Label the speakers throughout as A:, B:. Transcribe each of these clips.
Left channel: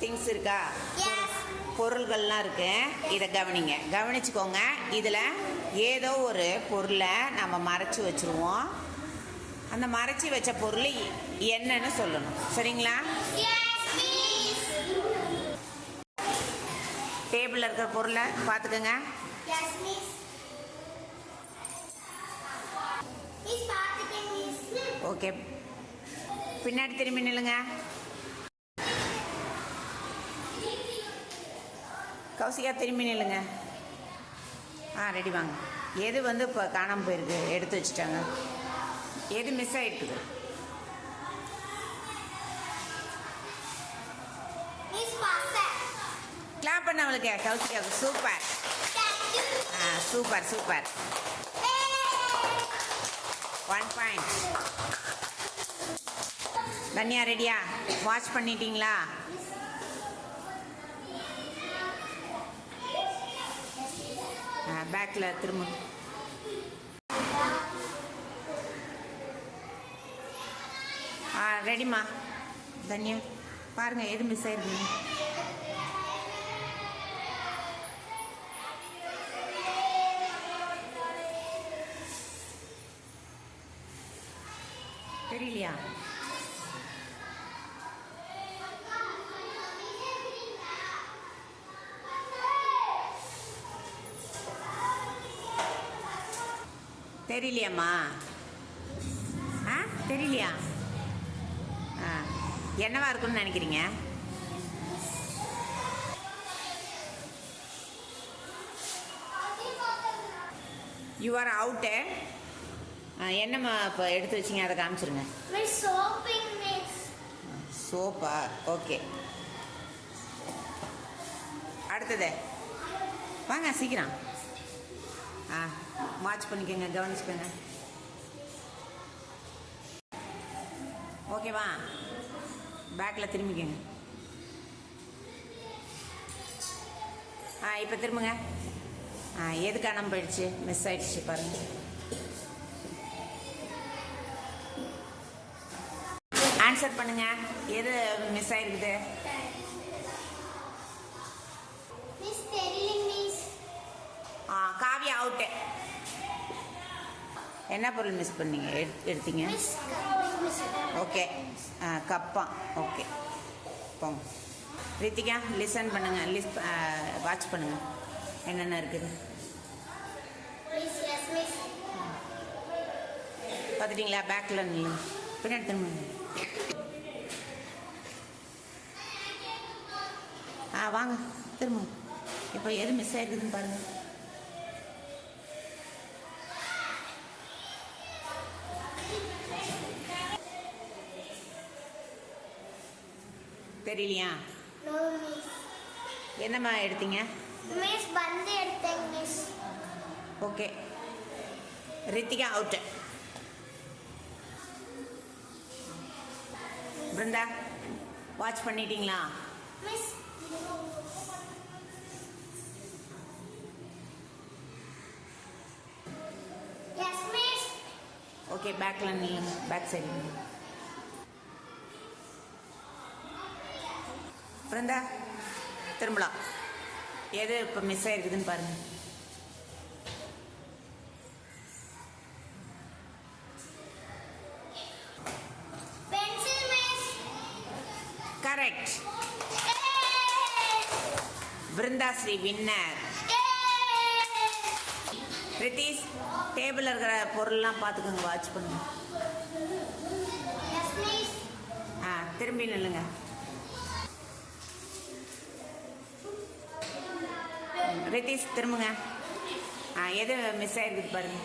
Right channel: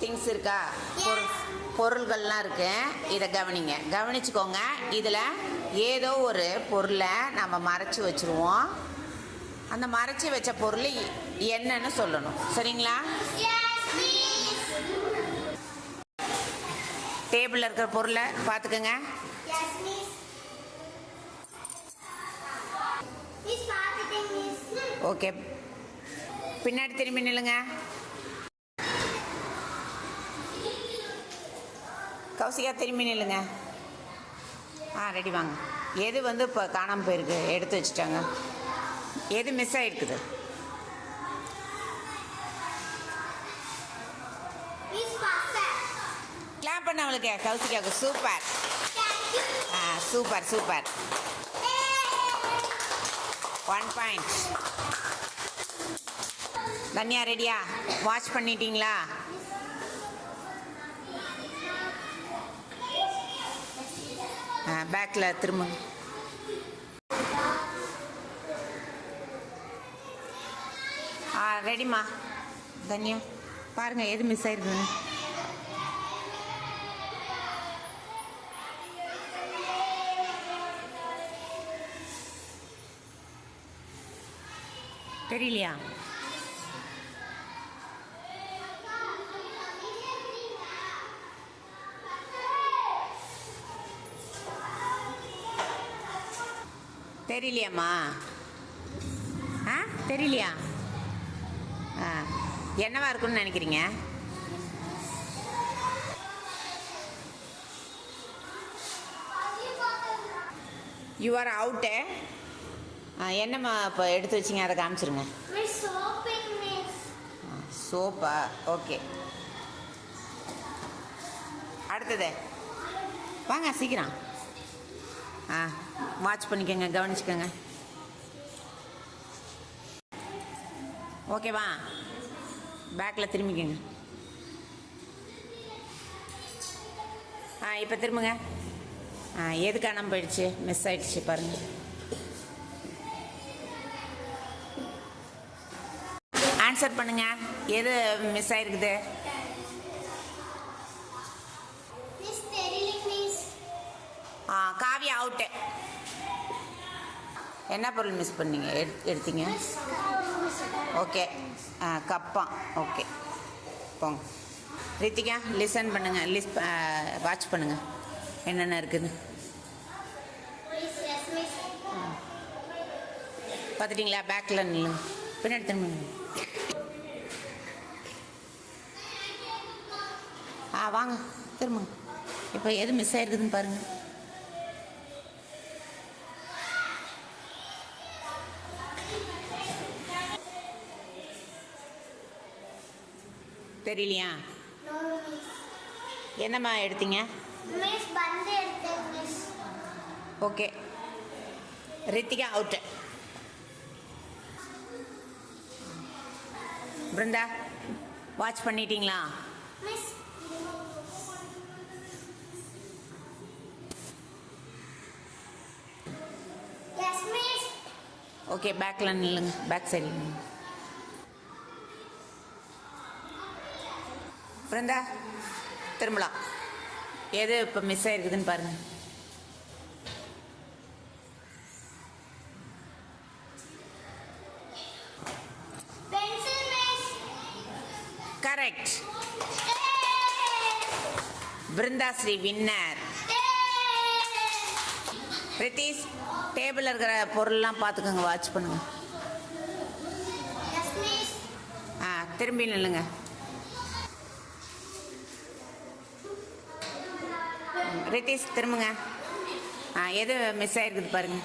A: Things இருக்கா? பொருள் பொருள்கள்லாம் இருக்கு. இதை கவனிங்க. கவனிச்சுக்கோங்க. இதில் ஏதோ ஒரு பொருளை நம்ம மறைச்சி வச்சிருவோம். அந்த மறைச்சி வச்ச பொருள் என்னன்னு சொல்லணும். சரிங்களா. டேபிளில் இருக்கிற பொருளை பார்த்துக்கோங்க. ஓகே பின்னாடி திரும்பி நில்லுங்க. கௌசிகா திரும்பி நில்லுங்க. ஆ ரெடி வாங்க. எது வந்து இப்போ காணாமல் போயிருக்கு? எடுத்து வச்சுட்டாங்க. எது மிஸ் ஆகிருக்குது. கிளாப் பண்ண அவளுக்கு கௌசிகாவுக்கு. சூப்பர். ஆ super super. One point Thanya ரெடியா வாஷ் பண்ணிட்டீங்களா? பேக்கில் திரும்ப. ஆ ரெடிம்மா தன்யா பாருங்க எது மிஸ் ஆயிருக்குங்க தெரியலையா? தெரியலையாம்மா. ஆ தெரியலையா? ஆ என்னவா இருக்கும்னு நினைக்கிறீங்க? யூ ஆர் அவுட்டு என்னம்மா இப்போ எடுத்து வச்சிங்க? அதை காமிச்சிருங்க. சோப்பா? ஓகே. அடுத்தது. வாங்க சீக்கிரம். ஆ வாட்ச் பண்ணிக்கோங்க கவனிச்சுக்கோங்க. ஓகேவா பேக்கில் திரும்பிக்கோங்க. ஆ இப்போ திரும்புங்க. ஆ எது காணாமல் போயிடுச்சு? மிஸ் ஆயிடுச்சு பாருங்கள் ஆன்சர் பண்ணுங்க. எது மிஸ் ஆயிருக்குது? அவுட்டு என்ன பொருள் மிஸ் பண்ணீங்க? எடு எடுத்தீங்க? ஓகே ஆ, கப்பான் ஓகே போங்க. ரித்திகா லிசன் பண்ணுங்கள் லிஸ் வாட்ச் பண்ணுங்கள் என்னென்ன இருக்குது?
B: பார்த்துட்டிங்களா?
A: பார்த்துட்டீங்களா பேக்கில் நில்லுங்க பின்னாடி திரும்பிங்க ஆ வாங்க. திரும்புங்க. இப்போ எது மிஸ் ஆயிருக்குதுன்னு பாருங்கள் தெரியலையா. என்னம்மா எடுத்தீங்க. Okay. Rithika out Brindha watch பண்ணிட்டீங்களா. ஓகே பேக்கில் நில்லுங்க. பேக் சைடில் பிருந்தா திரும்பலாம் எது இப்போ மிஸ் ஆயிருக்குதுன்னு பாருங்க
B: Pencil, miss.
A: Correct
B: Yay!
A: Brindha Sri winner! Ritheesh டேபிளில் இருக்கிற பொருள்லாம் பார்த்துக்கோங்க வாட்ச் பண்ணுங்க. ஆ திரும்பி நில்லுங்க ரித்தீஷ் திரும்புங்க. ஆ எது மிஸ் ஆயிருக்குது பாருங்க.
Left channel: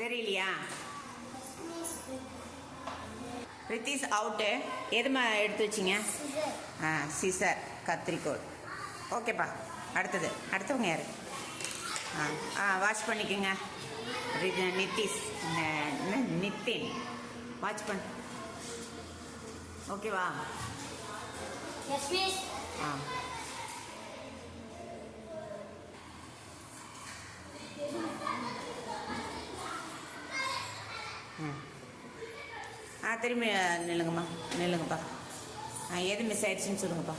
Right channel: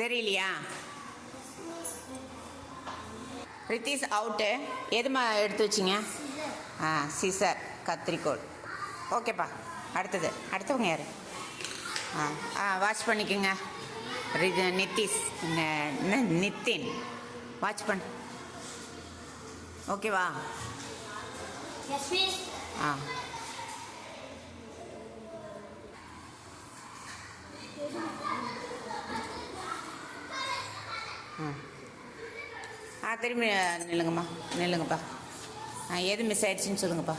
A: தெரியலையா? ரித்தீஷ் அவுட்டு எதுமா எடுத்து வச்சிங்க? ஆ சிசர் கத்திரிக்கோள். ஓகேப்பா அடுத்தது. அடுத்தவங்க யார்? ஆ ஆ வாஷ் பண்ணிக்கோங்க. இது நிதிஷ் நித்தின். வாட்ச் பண். ஓகேவா ஆ. ஆ. திரும்பி நில்லுங்கம்மா. நில்லுங்கப்பா. ஆ எது மிஸ் ஆயிடுச்சுன்னு சொல்லுங்கப்பா.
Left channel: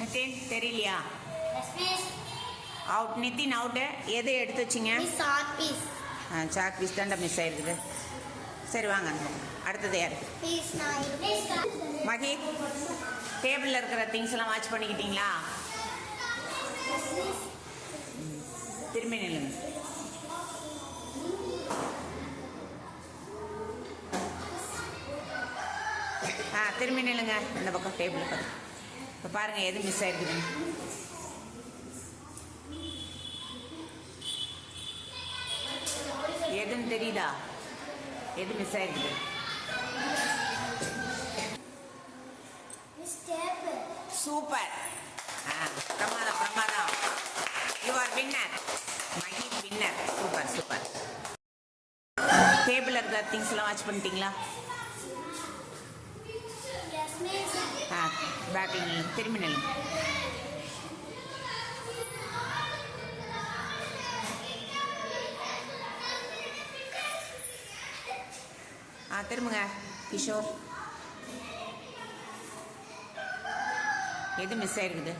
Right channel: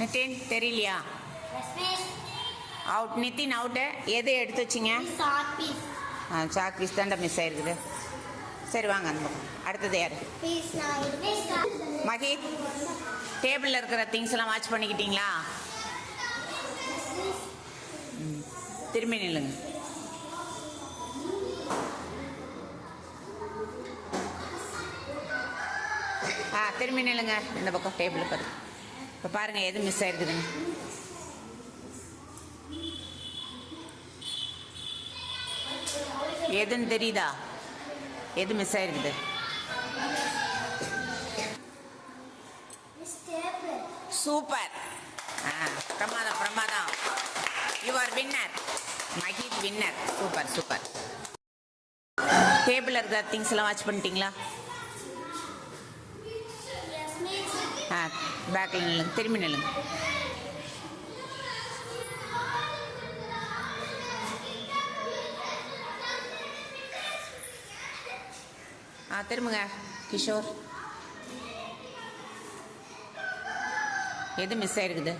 A: நிதின் தெரியலையா? அவுட் நிதின் அவுட்டு எதை எடுத்து வச்சிங்க? ஆ சாக் பீஸ் தாண்டா மிஸ் ஆயிருக்குது. சரி வாங்க அந்த பக்கம். அடுத்தது யார்? மகி டேபிளில் இருக்கிற திங்ஸ் எல்லாம் வாட்ச் பண்ணிக்கிட்டீங்களா? திரும்பி நில்லுங்க. ஆ திரும்பி நில்லுங்க. இந்த பக்கம் டேபிள் பார்த்து இப்போ பாருங்க எது மிஸ் ஆயிருக்குதுங்க எதுன்னு தெரியுதா? எது மிஸ் ஆயிருக்குது? சூப்பர் பிரமாதம் பிரமாதம். You are winner Magi winner super super table இருக்கிற திங்ஸ் எல்லாம் வாட்ச் பண்ணிட்டீங்களா? ஆ திரும்பி நில்லுங்க ஆ திரும்புங்க கிஷோர். எது மிஸ் ஆயிருக்குது?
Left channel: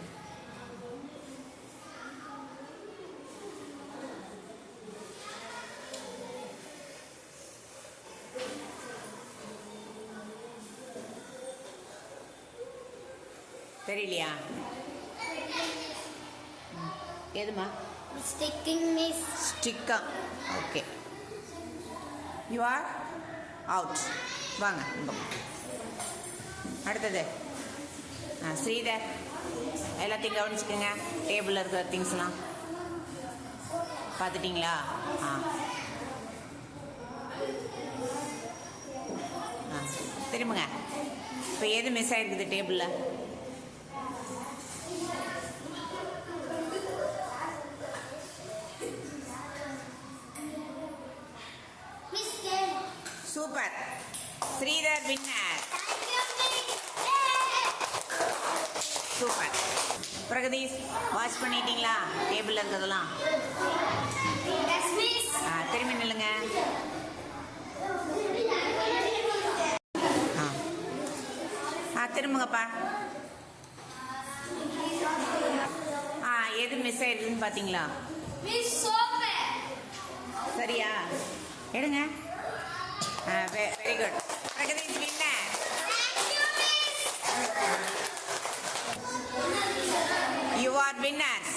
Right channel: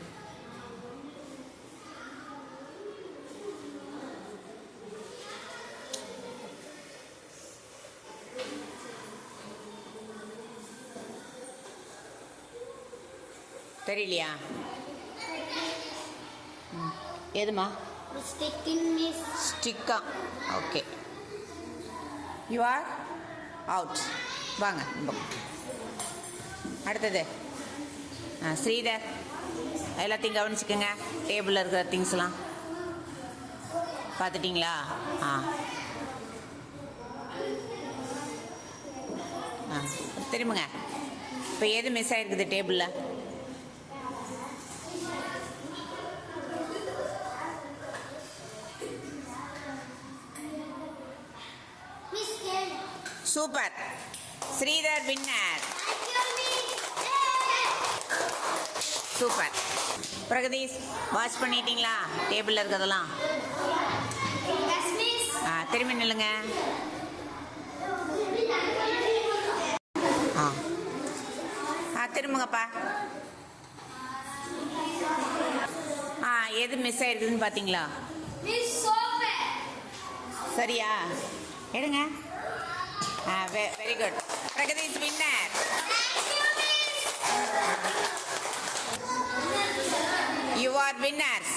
A: தெரியலையா? ம். எதுமா. ஸ்டிக்கா. ஓகே. யூ ஆர் அவுட் வாங்க. அடுத்தது. ஆ ஸ்ரீதர். எல்லாத்தையும் கவனிச்சுக்கோங்க. டேபிளில் இருக்கிற திங்ஸ்லாம் பார்த்துட்டிங்களா? ஆ. ஆ. திரும்புங்க. இப்போ எது மிஸ் ஆயிருக்குது டேபிளில் super. Sridhar winner! Super. Pragadeesh wash பண்ணிட்டீங்களா? டேபிளில் இருக்கிறதெல்லாம்? திரும்பி நில்லுங்க. ஆ. ஆ திரும்புங்கப்பா. ஆ எது மிஸ் ஆயிருக்குதுன்னு பார்த்தீங்களா. சரியா? எடுங்க. Ah, very, very good. Pragati is winner. You
B: are winners.